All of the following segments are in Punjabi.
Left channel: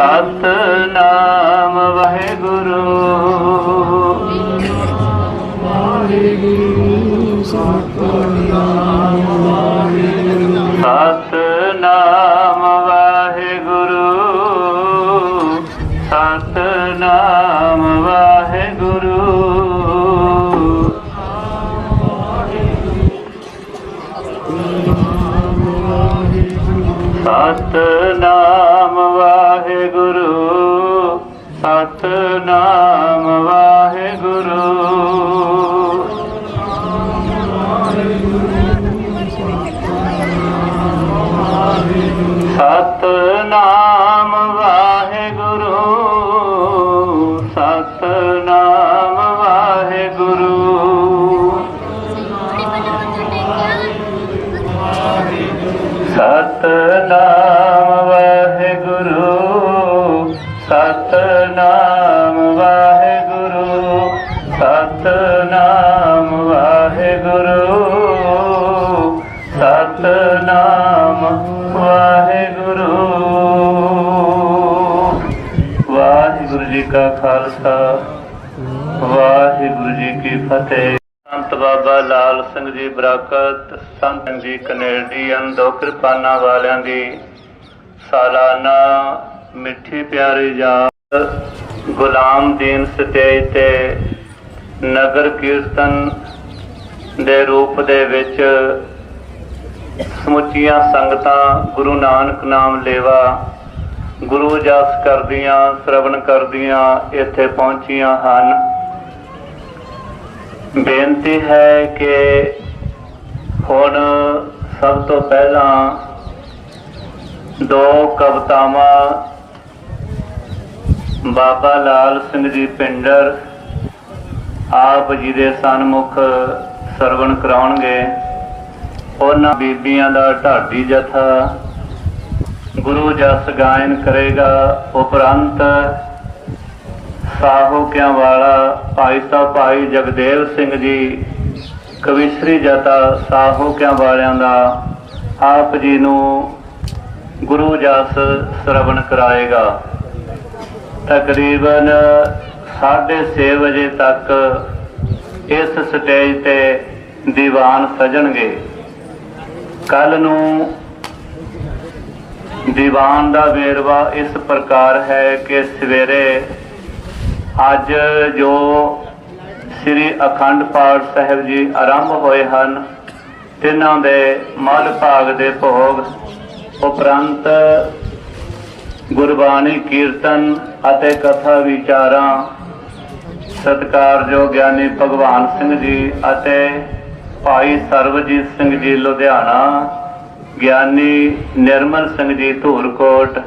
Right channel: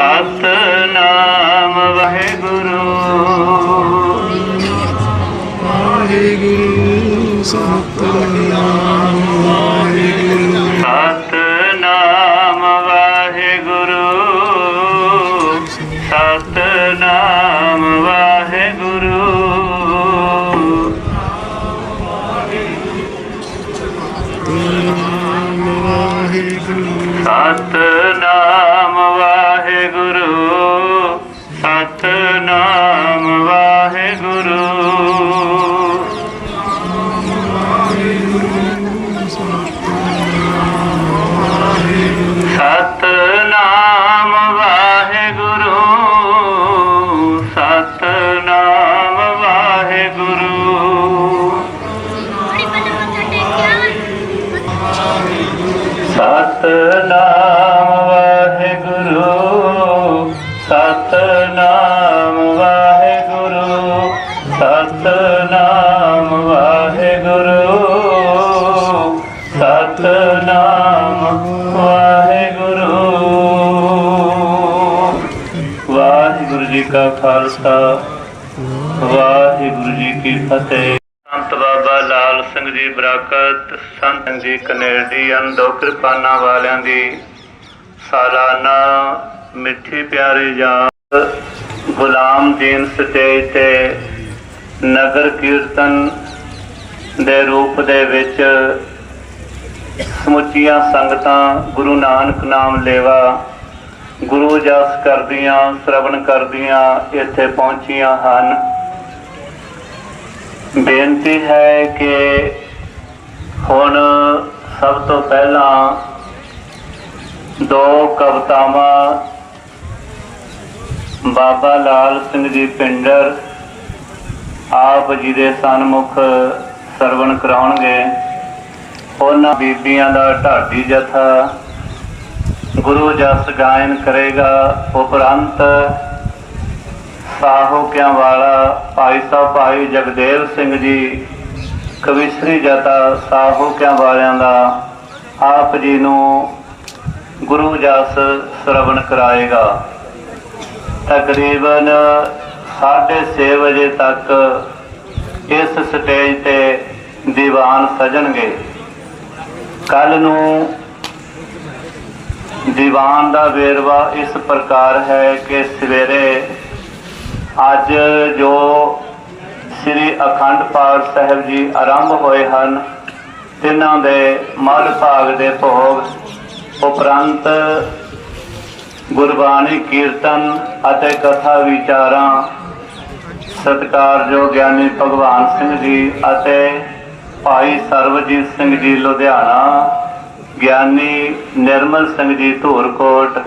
Because ਸਤਨਾਮ ਸਤਨਾਮ ਵਾਹਿਗੁਰੂ ਸਤਨਾਮ ਵਾਹਿਗੁਰੂ। ਸਤਨਾਮ ਵਾਹਿਗੁਰੂ। ਵਾਹਿਗੁਰੂ ਜੀ ਕਾ ਖਾਲਸਾ, ਵਾਹਿਗੁਰੂ ਜੀ ਕੀ ਫਤਿਹ। ਸੰਤ ਬਾਬਾ ਲਾਲ ਸਿੰਘ ਜੀ ਬਰਾਕਤ, ਸੰਤ ਜੀ ਕਨੇਡੀਅਨ ਦੋ ਕਿਰਪਾਨਾਂ ਵਾਲਿਆਂ ਦੀ ਸਾਲਾਨਾ ਮਿੱਠੀ ਪਿਆਰੀ ਯਾਦ ਗੁਲਾਮ ਦੀਨ ਸਟੇਜ ਤੇ ਨਗਰ ਕੀਰਤਨ ਦੇ ਰੂਪ ਦੇ ਵਿੱਚ ਸਮੁੱਚੀਆਂ ਸੰਗਤਾਂ ਗੁਰੂ ਨਾਨਕ ਨਾਮ ਲੇਵਾ, ਗੁਰੂ ਜਸ ਕਰਦੀਆਂ, ਸ਼ਰਵਣ ਕਰਦੀਆਂ ਇੱਥੇ ਪਹੁੰਚੀਆਂ ਹਨ। ਬੇਨਤੀ ਹੈ ਕਿ ਹੁਣ ਸਭ ਤੋਂ ਪਹਿਲਾਂ ਦੋ ਕਵਿਤਾਵਾਂ ਬਾਬਾ ਲਾਲ ਸਿੰਘ ਜੀ ਪਿੰਡਰ ਆਪ ਜੀ ਦੇ ਸਨਮੁਖ ਸਰਵਣ ਕਰਾਉਣਗੇ। ਉਹਨਾਂ ਬੀਬੀਆਂ ਦਾ ਢਾਡੀ ਜਥਾ ਗੁਰੂ ਜਸ ਗਾਇਨ ਕਰੇਗਾ। ਉਪਰੰਤ ਸਾਹੋਕਿਆਂ ਵਾਲਾ ਭਾਈ ਸਾਹਿਬ ਭਾਈ ਜਗਦੇਵ ਸਿੰਘ ਜੀ ਕਵਿਸ਼ਰੀ ਜਤਾ ਸਾਹੋਕਿਆਂ ਵਾਲਿਆਂ ਦਾ ਆਪ ਜੀ ਨੂੰ ਗੁਰੂ ਜਸ ਸ਼ਰਵਣ ਕਰਾਏਗਾ। ਤਕਰੀਬਨ 6:30 ਵਜੇ ਤੱਕ ਇਸ ਸਟੇਜ ਤੇ ਦੀਵਾਨ ਸਜਣਗੇ। ਕੱਲ ਨੂੰ ਦੀਵਾਨ ਦਾ ਵੇਰਵਾ ਇਸ ਪ੍ਰਕਾਰ ਹੈ ਕਿ ਸਵੇਰੇ ਅੱਜ ਜੋ ਸ੍ਰੀ ਅਖੰਡ ਪਾਠ ਸਾਹਿਬ ਜੀ ਆਰੰਭ ਹੋਏ ਹਨ, ਤਿੰਨਾਂ ਦੇ ਮੱਧ ਭਾਗ ਦੇ ਭੋਗ ਉਪਰੰਤ ਗੁਰਬਾਣੀ ਕੀਰਤਨ ਅਤੇ ਕਥਾ ਵਿਚਾਰਾਂ, ਸਤਿਕਾਰਯੋਗ ਗਿਆਨੀ ਭਗਵਾਨ ਸਿੰਘ ਜੀ ਅਤੇ ਭਾਈ ਸਰਵਜੀਤ ਸਿੰਘ ਜੀ ਲੁਧਿਆਣਾ, ਗਿਆਨੀ ਨਿਰਮਲ ਸਿੰਘ ਜੀ ਧੂਰਕੋਟ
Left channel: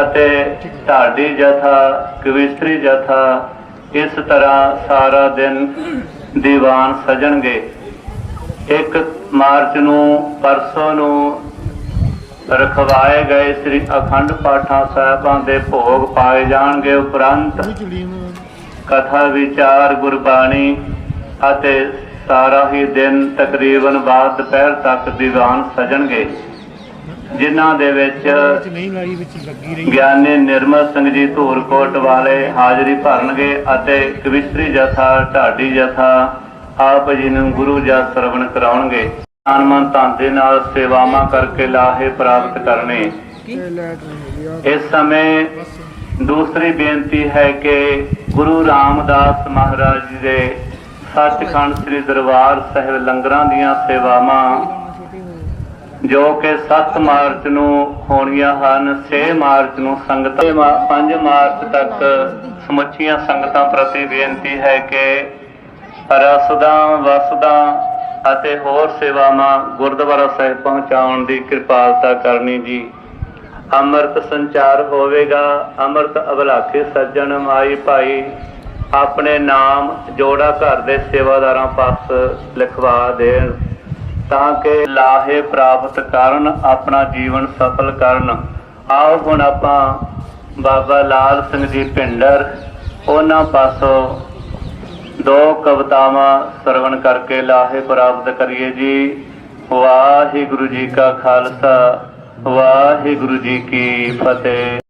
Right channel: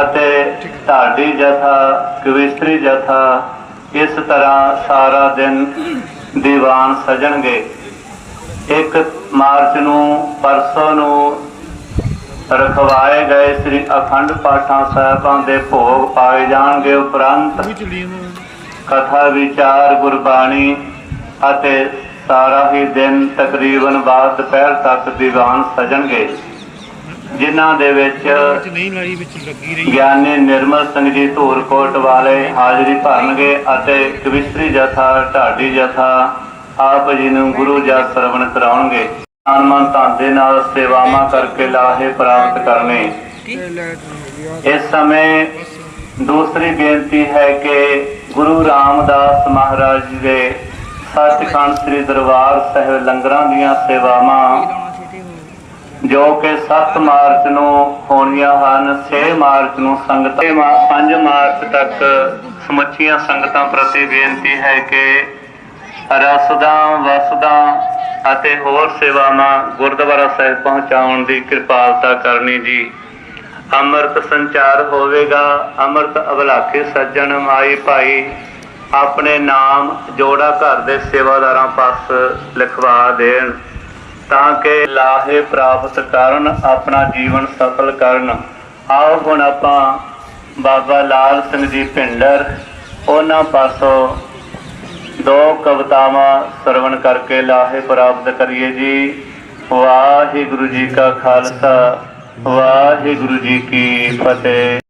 ਅਤੇ ਢਾਡੀ ਜਥਾ, ਕਵਿਸਤਰੀ ਜਥਾ ਇਸ ਤਰ੍ਹਾਂ ਸਾਰਾ ਦਿਨ ਦੀਵਾਨ ਸਜਣਗੇ। 1 ਮਾਰਚ ਨੂੰ, ਪਰਸੋਂ ਨੂੰ ਰਖਵਾਏ ਗਏ ਸ੍ਰੀ ਅਖੰਡ ਪਾਠਾਂ ਸਾਹਿਬਾਂ ਦੇ ਭੋਗ ਪਾਏ ਜਾਣਗੇ ਉਪਰੰਤ ਕਥਾ ਵਿਚਾਰ ਗੁਰਬਾਣੀ ਅਤੇ ਸਾਰਾ ਹੀ ਦਿਨ ਤਕਰੀਬਨ ਬਾਅਦ ਦੁਪਹਿਰ ਤੱਕ ਦੀਵਾਨ ਸਜਣਗੇ ਜਿਨ੍ਹਾਂ ਦੇ ਵਿੱਚ ਗਿਆਨੀ ਨਿਰਮਲ ਸਿੰਘ ਜੀ ਧੂਰਕੋਟ ਵਾਲੇ ਹਾਜ਼ਰੀ ਭਰਨਗੇ ਅਤੇ ਕਵਿਸ਼ਰੀ ਜਥਾ ਢਾਡੀ ਜਥਾ ਆਪ ਜੀ ਨੂੰ ਗੁਰੂ ਜਸ ਸਰਵਣ ਕਰਾਉਣਗੇ। ਅਨਮਨ ਧਨ ਦੇ ਨਾਲ ਸੇਵਾਵਾਂ ਕਰਕੇ ਲਾਹੇ ਪ੍ਰਾਪਤ ਕਰਨੇ। ਇਸ ਸਮੇਂ ਦੂਸਰੀ ਬੇਨਤੀ ਹੈ ਕਿ ਗੁਰੂ ਰਾਮਦਾਸ ਮਹਾਰਾਜ ਜੀ ਦੇ ਸੱਚਖੰਡ ਸ੍ਰੀ ਦਰਬਾਰ ਸਾਹਿਬ ਲੰਗਰਾਂ ਦੀਆਂ ਸੇਵਾਵਾਂ, ਜੋ ਕਿ 7 ਮਾਰਚ ਨੂੰ ਹੋਣੀਆਂ ਹਨ 6 ਮਾਰਚ ਨੂੰ ਸੰਗਤਾਂ 5 ਮਾਰਚ ਤੱਕ ਸਮੁੱਚੀਆਂ ਸੰਗਤਾਂ ਪ੍ਰਤੀ ਬੇਨਤੀ ਹੈ ਕਿ ਰਸਦਾਂ, ਵਸਦਾਂ ਅਤੇ ਹੋਰ ਸੇਵਾਵਾਂ ਗੁਰਦੁਆਰਾ ਸਾਹਿਬ ਪਹੁੰਚਾਉਣ ਦੀ ਕਿਰਪਾਲਤਾ ਕਰਨੀ ਜੀ। ਅੰਮ੍ਰਿਤ ਸੰਚਾਰ ਹੋਵੇਗਾ, ਅੰਮ੍ਰਿਤ ਅਬਲਾਖੇ ਸੱਜਣ ਮਾਈ ਭਾਈ, ਆਪਣੇ ਨਾਮ ਜੋੜਾ ਘਰ ਦੇ ਸੇਵਾਦਾਰਾਂ ਪਾਸ ਲਿਖਵਾ ਦੇਣ, ਤਾਂ ਕਿ ਲਾਹੇ ਪ੍ਰਾਪਤ ਕਰਨ, ਆਪਣਾ ਜੀਵਨ ਸਫਲ ਕਰਨ। ਆਓ ਹੁਣ ਆਪਾਂ ਬਾਬਾ ਲਾਲ ਸਿੰਘ ਜੀ ਭਿੰਡਰ, ਉਹਨਾਂ ਪਾਸੋਂ ਦੋ ਕਵਿਤਾਵਾਂ ਸਰਵਣ ਕਰਕੇ ਲਾਹੇ ਪ੍ਰਾਪਤ ਕਰੀਏ ਜੀ। ਵਾਹਿਗੁਰੂ ਜੀ ਕਾ ਖਾਲਸਾ, ਵਾਹਿਗੁਰੂ ਜੀ ਕੀ ਫਤਿਹ।